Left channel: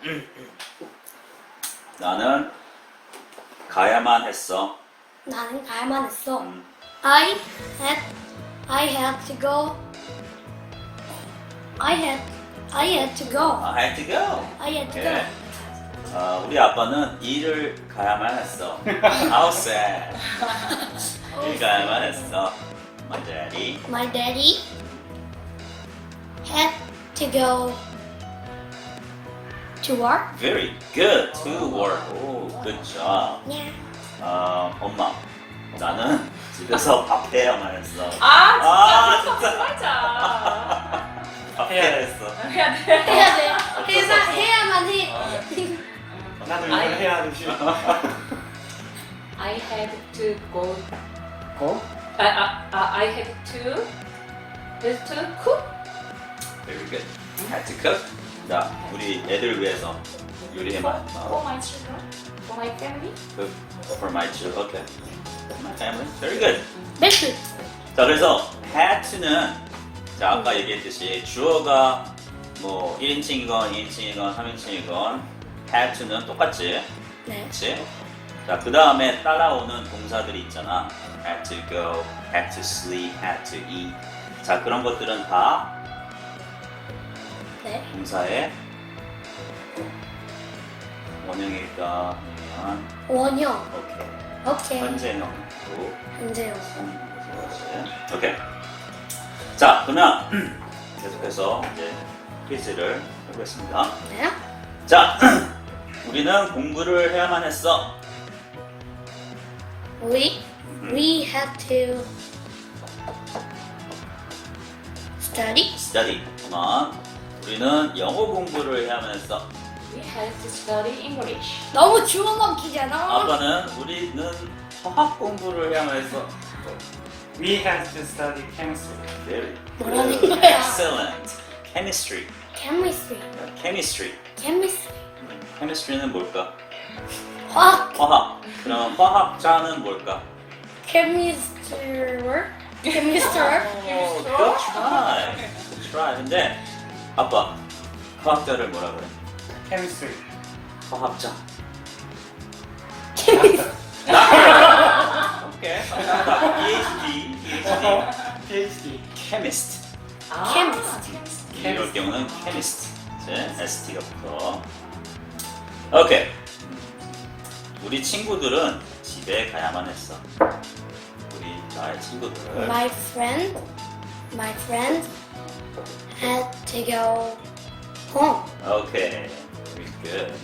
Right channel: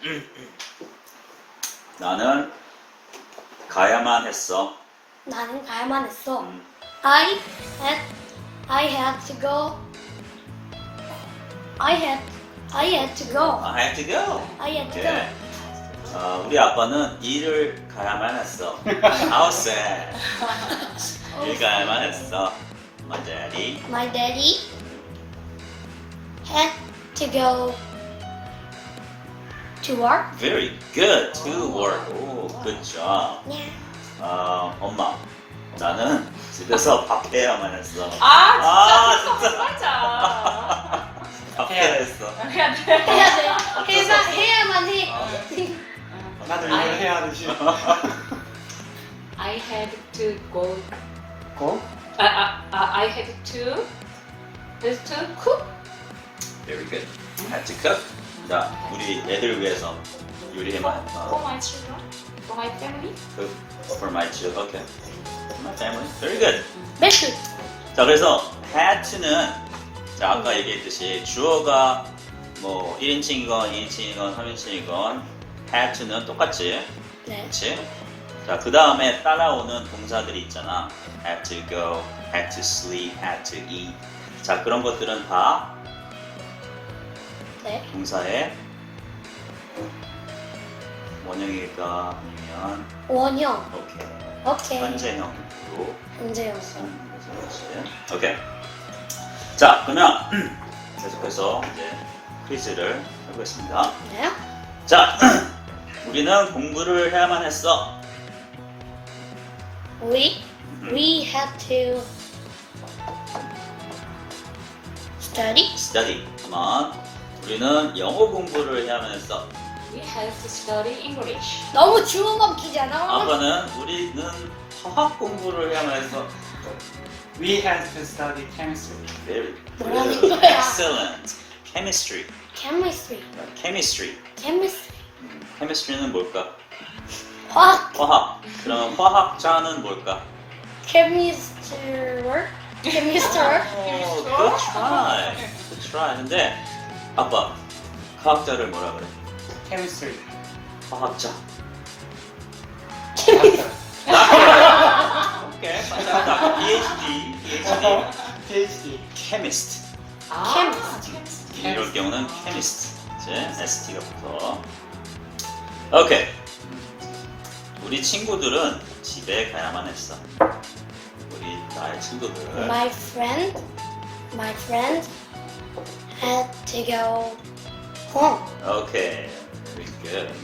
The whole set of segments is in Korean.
나는 가야만 했어. 나는 가야만 했어. I had to go. I had to go. I had to go. I had to 오케이. 우리 아빠는 일을 가야만 했어. How sad. 일 가야만 했어. My daddy. go. My daddy had to go to work. Very good. To work. 오, good job. Yeah. 엄마. 나는 집에서 밥 해야만 했어. 아 진짜 진짜. 맞아. 밥 해야 했어. 해야 돼. 해야 돼. 해야만 해. 나도 이걸 해야 하듯이. I had to go. 고? I had to cook. Very good. Had to cook. 자, 우리 애들 위해서 요리해만 For my children, for my family. Cook for my children. Okay. For my family. Very good. 매출. 자, 그래서 had to는 자, 아까 얘기했듯이 주어가 뭐 1인칭이건 2인칭이건 3인칭이건 had to는 똑같지. 네. 그치? 자, 그 다음에 따라오는 동사들이 있잖아. had to go, had to sleep, had to eat. 자, 그런 것들은 다 네. 동사의 원형일까? 아니면 원형. 오케이. 오케이. 현재형으로 현재형. 그렇지. 오케이. 자, 그러면 계속해서 이제 퀴즈를 해보겠습니다. 네. 자, 우리는 공부를 해야만 했어. We had to study. Study. 그만. 우리는 영어 공부를 해야만 했어. We had to study English. 너무 주워 먹기잖아. 아빠는 우리는 화학 공부를 해야만 했어. We had to study chemistry. Very 뭐라는 good. 거야? Excellent. Chemistry. Chemistry. Chemistry. Chemistry. Chemistry는 뭘까? 화학. 화학. 그럼 화학자는 뭘까? Chemistry work. Chemistry work. Good try. Good try. 근데 아빠 화학자를 뭐라 그래? chemistry. 화학자. Doctor. 오케이. PhD. PhD. Chemist. Chemist. 이럴 경우는 chemist. 이제 ST가 붙어. 오케이. 우리 친구들은 집에 가야만 했어. 우리 나의 친구들. My friend had to go home. 오케이. Very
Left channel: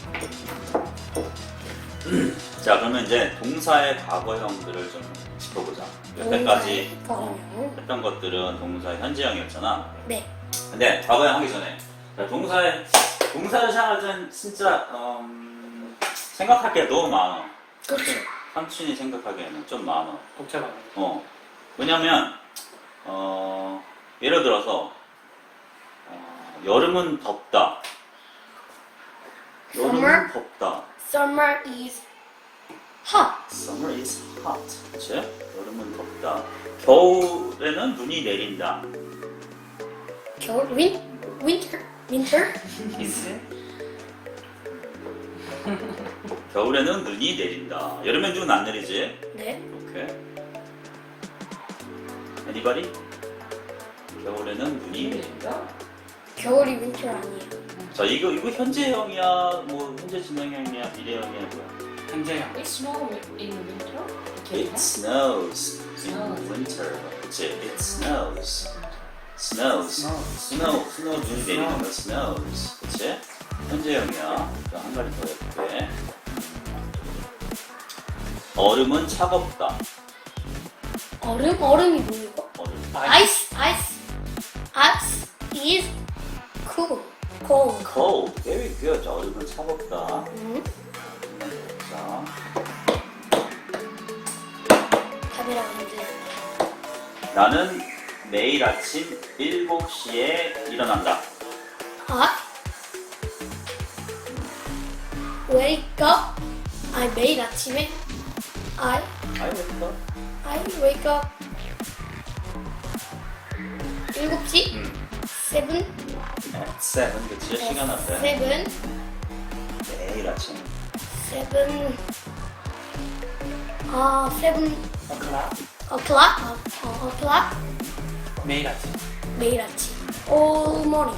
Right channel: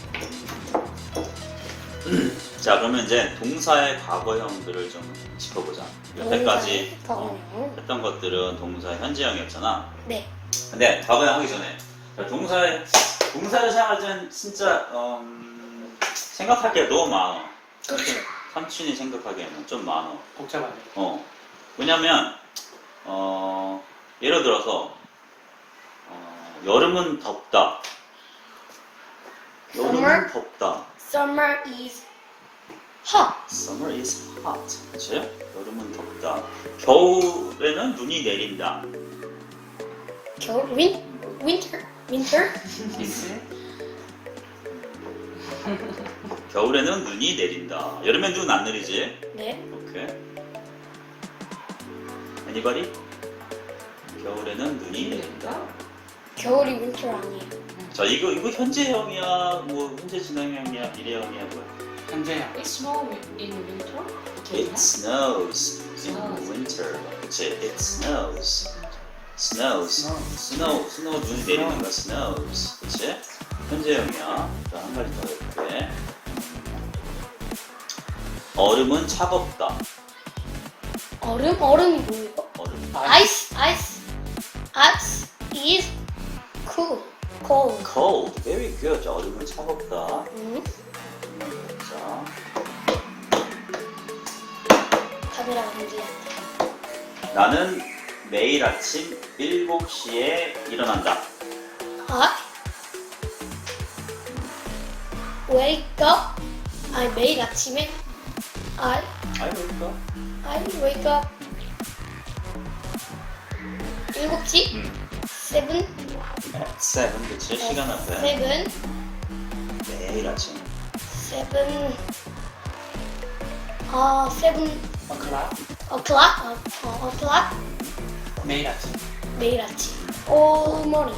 good. 자, 그러면 이제 동사의 과거형들을 좀 짚어보자. 여태까지 동사의 했던 것들은 동사의 현재형이었잖아. 네. 근데 과거형 하기 전에 자, 동사를 생각할 땐 진짜 생각할 게 너무 많아. 그렇죠. 삼촌이 생각하기에는 좀 많아. 복잡하네. 왜냐면 예를 들어서 여름은 덥다. 여름은 Summer? 덥다. Summer is hot. Summer is hot. 그치? 여름은 덥다. 겨울에는 눈이 내린다. 겨울 winter. 겨울에는 눈이 내린다. 여름엔 눈 안 내리지? 네. 오케이. Anybody? 겨울에는 눈이 내린다. 겨울이 winter 아니에요. 자, 이거 현재형이야, 뭐 현재 진행형이야, 미래형이야, 뭐. 현재형. It snows in winter. It snows in winter. 그치? It snows. Snows. Snow. 눈이 내리는 거 snows. 그치? 현재형이야. 자, 한 가지 더 해볼게. 얼음은 차갑다. 얼음이 뭐예요? 얼음. Ice is cold. Cold. Very good. 자, 얼음은 차갑다. 자, 답이랑 문제. 나는 매일 아침 7시에 일어난다. Wake up. 매일 아침에 I wake up 7시? 7? 7. 그치? 시간 앞에. 7 매일 아침. 7 7 o'clock. o'clock o'clock 매일 아침. 매일 아침 all morning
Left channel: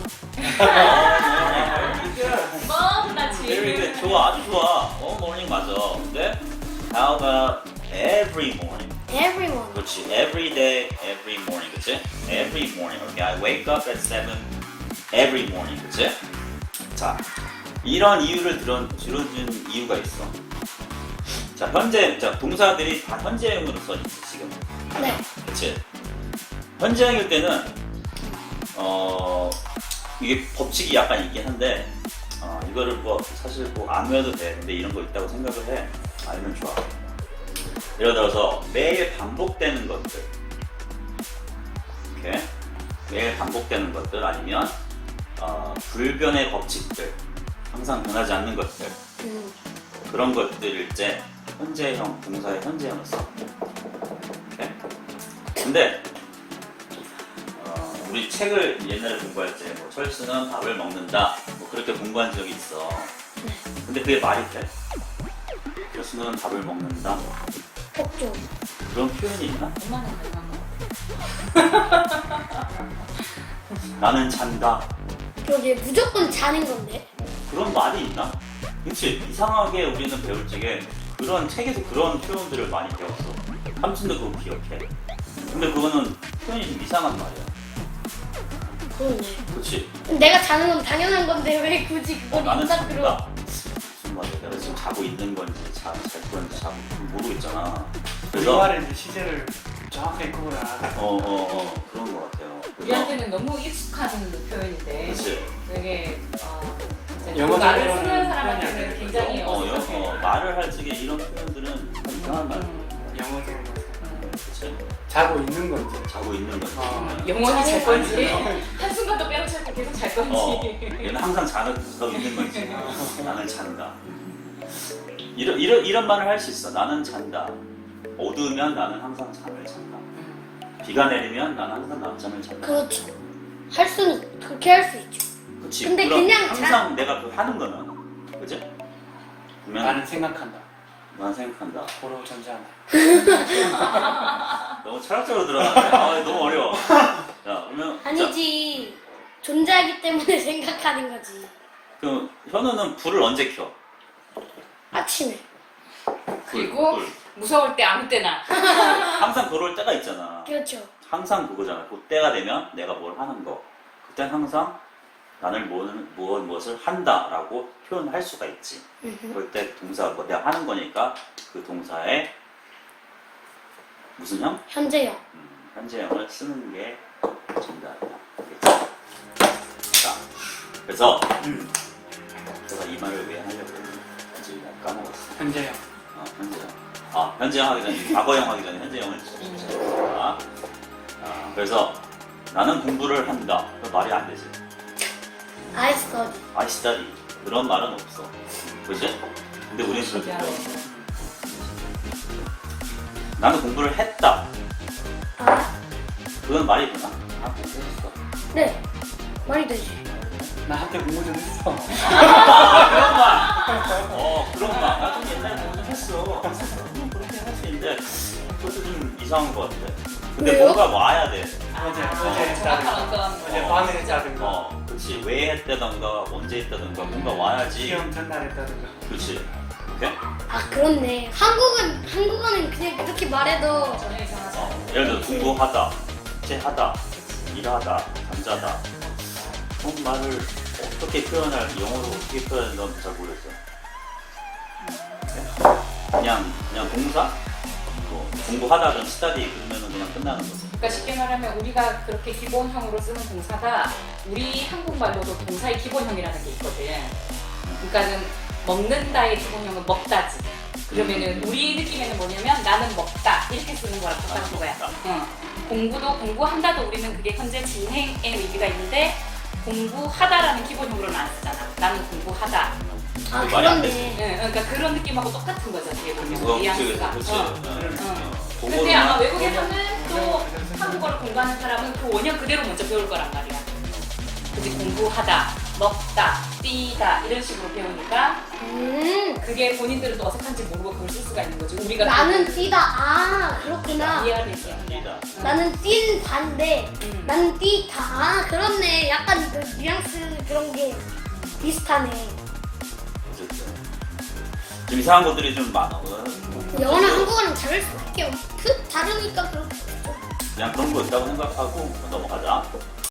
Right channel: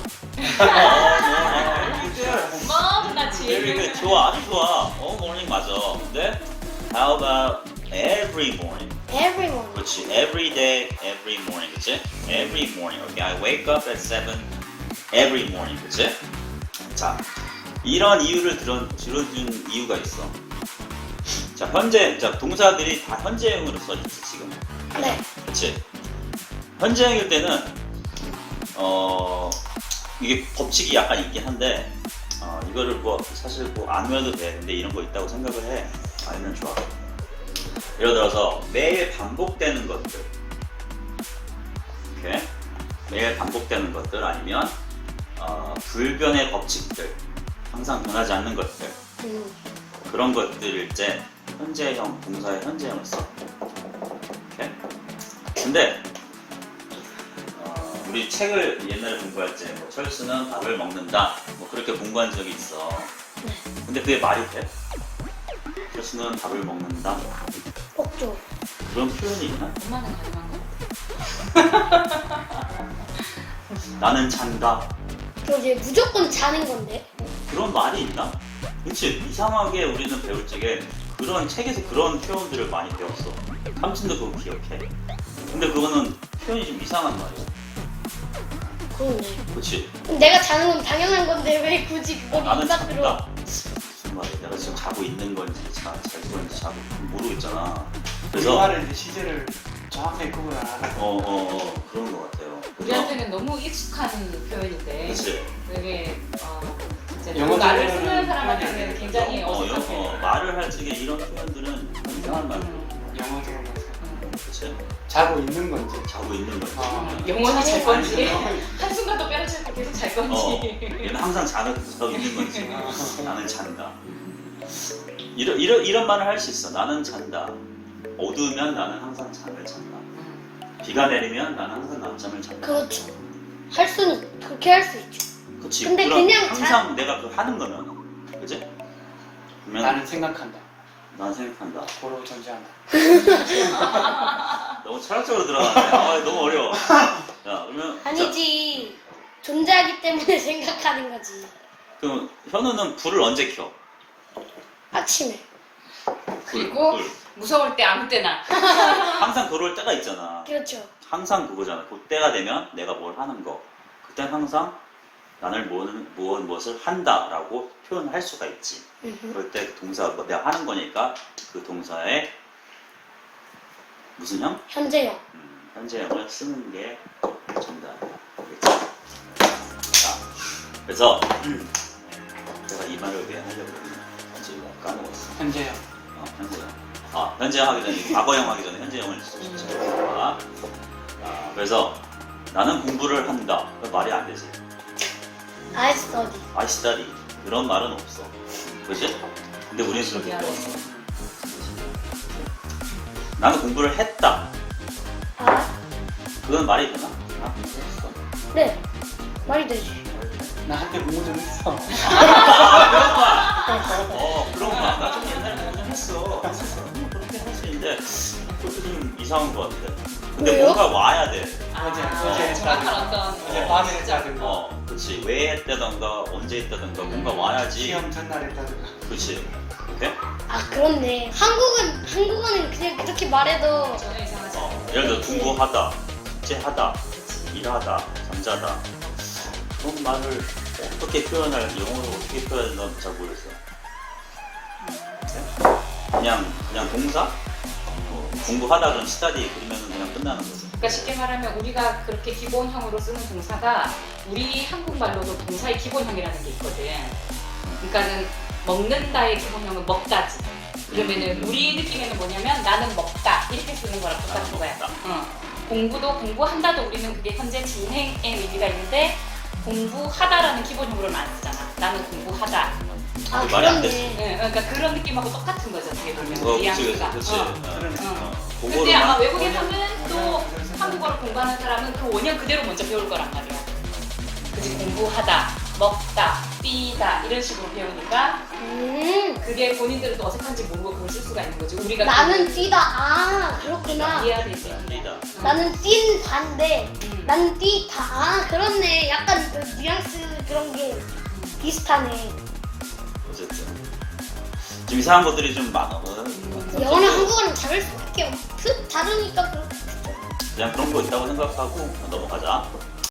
너무나 네, 좋아, 아주 좋아. morning 맞아. 근데 how about every morning? every morning 그렇지. Every day, every morning. 그치? Every morning. Okay, I wake up at 7 every morning. 그치? 자, 이런 이유를 들어준 이유가 있어. 자, 자, 동사들이 다 현재형으로 써있어, 지금. 네 그치? 현재형일 때는, 이게 법칙이 약간 있긴 한데, 이거를 뭐, 사실 뭐, 안 외워도 돼. 근데 이런 거 있다고 생각을 해. 알면 좋아. 예를 들어서, 매일 반복되는 것들. 이렇게. 매일 반복되는 것들 아니면, 불변의 법칙들. 항상 변하지 않는 것들. 그런 것들일 때, 현재형, 동사의 현재형을 써. 이렇게. 근데, 우리 책을 옛날에 공부할 때, 뭐, 철수는 밥을 먹는다. 뭐, 그렇게 공부한 적이 있어. 네. 근데 그게 말이 돼? 철수는 밥을 먹는다. 복종 그런 표현이 있나? 엄마는 가능한 거? 나는 잔다. 그러게 무조건 자는 건데 그런 말이 있나? 그치? 이상하게 우리는 배울 적에 그런 책에서 그런 표현들을 많이 배웠어. 삼촌도 그거 기억해. 근데 그거는 표현이 좀 이상한 말이야. 그러네 그치? 내가 자는 건 당연한 건데 왜 굳이 그걸 나는 인사 들어 잔다. 무슨 말이야? 내가 지금 자고 있는 건지 잘 건지 잘 모르겠잖아. 그래서 우리말의 시제를 정확하게 구분을 안 하고. 그런 것 같아요. 그래서 우리한테는 너무 익숙한 표현인데 그치? 되게 이제 그 영어적으로는 말을 쓰는 사람한테는 굉장히 어색하게 말을 할 적에 이런 표현들은 이상한 말. 영어적으로 그치? 자고 있는 건지. 자고 있는 건지. 영원히 잘 건지 아니, 한순간도 빼놓지 않고 계속 잘 건지 얘는 항상 자고 있는 건지. 나는 잔다. 이런 말을 할 수 있어. 나는 잔다. 어두우면 나는 항상 잠을 잔다. 비가 내리면 나는 항상 낮잠을 잔다. 그렇죠 할 수는 그렇게 할 수 있죠 그치? 근데 그럼 그냥 항상 내가 그거 하는 거는 그지? 그러면 나는 생각한다. 난 생각한다. 고로 존재한다. 너무 철학적으로 들어가네. 너무 어려워. 자, 그러면 아니지 존재하기 때문에 생각하는 거지 그 현우는 불을 언제 켜? 아침에 그리고 불. 무서울 때 아무 때나 항상 그럴 때가 있잖아. 그렇죠 항상 그거잖아. 그때가 되면 내가 뭘 하는 거. 그때 항상 나를 무엇을 한다라고 표현할 수가 있지. 그럴 때 동사 뭐 내가 하는 거니까 그 동사에 무슨 형? 현재형 현재형을 쓰는 게 정답이겠죠. 자, 그래서 제가 이 말을 왜 하려고 했냐? 지금 까먹었어. 현재형. 현재형. 현재형 하기 전에 과거형 하기 전에 현재형을 쓰자. 그래서 나는 공부를 한다. 그 말이 안 되지. I study I study. 그런 말은 없어. 그지? 근데 우리는 그렇게 신기하네. 표현해. 나는 공부를 했다. 그건 말이 되나? 나 공부했어. 네 말이 되지 나 한때 공부 좀 했어. 그런 말. 나 좀 옛날에 공부 했어. 그렇게 할 수 있는데 그것도 좀 이상한 것 같아. 근데 왜요? 뭔가 와야 돼. 어제 정확한 어떤 어제 밤에 했다든가. 그렇지. 왜 했다던가 언제 했다던가 뭔가 와야지. 시험 전날 했다든가. 그렇지. 오케이? 그렇네 한국어는 그냥 그렇게 말해도 전혀 이상하지 않아요. 예를 들어 공부하다, 숙제하다, 일하다, 잠자다. 그런 말을 어떻게 표현할, 영어로 어떻게 표현하는지 난 잘 모르겠어. 그냥 동사? 공부하다든 study 그러면 그냥 끝나는 거지. 그러니까 쉽게 말하면 우리가 그렇게 기본형으로 쓰는 동사가 우리 한국말로도 동사의 기본형이라는 게 있거든. 그러니까는 먹는다의 기본형은 먹다지. 그러면은 우리 느낌에는 뭐냐면 나는 먹다 이렇게 쓰는 거랑 똑같은 거야. 공부도 공부한다도 우리는 그게 현재 진행의 의미가 있는데 공부하다라는 기본형으로는 안 쓰잖아. 나는 공부하다. 말이 안 되지. 그렇네 그러니까 그런 느낌하고 똑같은 거죠. 어떻게 보면 뉘앙스가. 그렇지. 근데 아마 외국에서는 또 한국어를 공부하는 사람은 그 원형 그대로 먼저 배울 거란 말이야. 그치 공부하다, 먹다, 뛰다 이런 식으로 배우니까 그게 본인들은 또 어색한지 모르고 그걸 쓸 수가 있는 거지. 우리가 나는 또 뛰다. 아, 그렇구나. 이해해야 되지. 뛰다. 나는 뛴 반대. 나는 뛰다. 아, 그렇네. 약간 그 뉘앙스 그런 게 비슷하네. 어쨌든 좀 이상한 것들이 좀 많아. 영어랑 한국어랑 다를 수밖에 없. 다르니까 그렇겠죠. 그냥 그런 거 있다고 생각하고 넘어가자.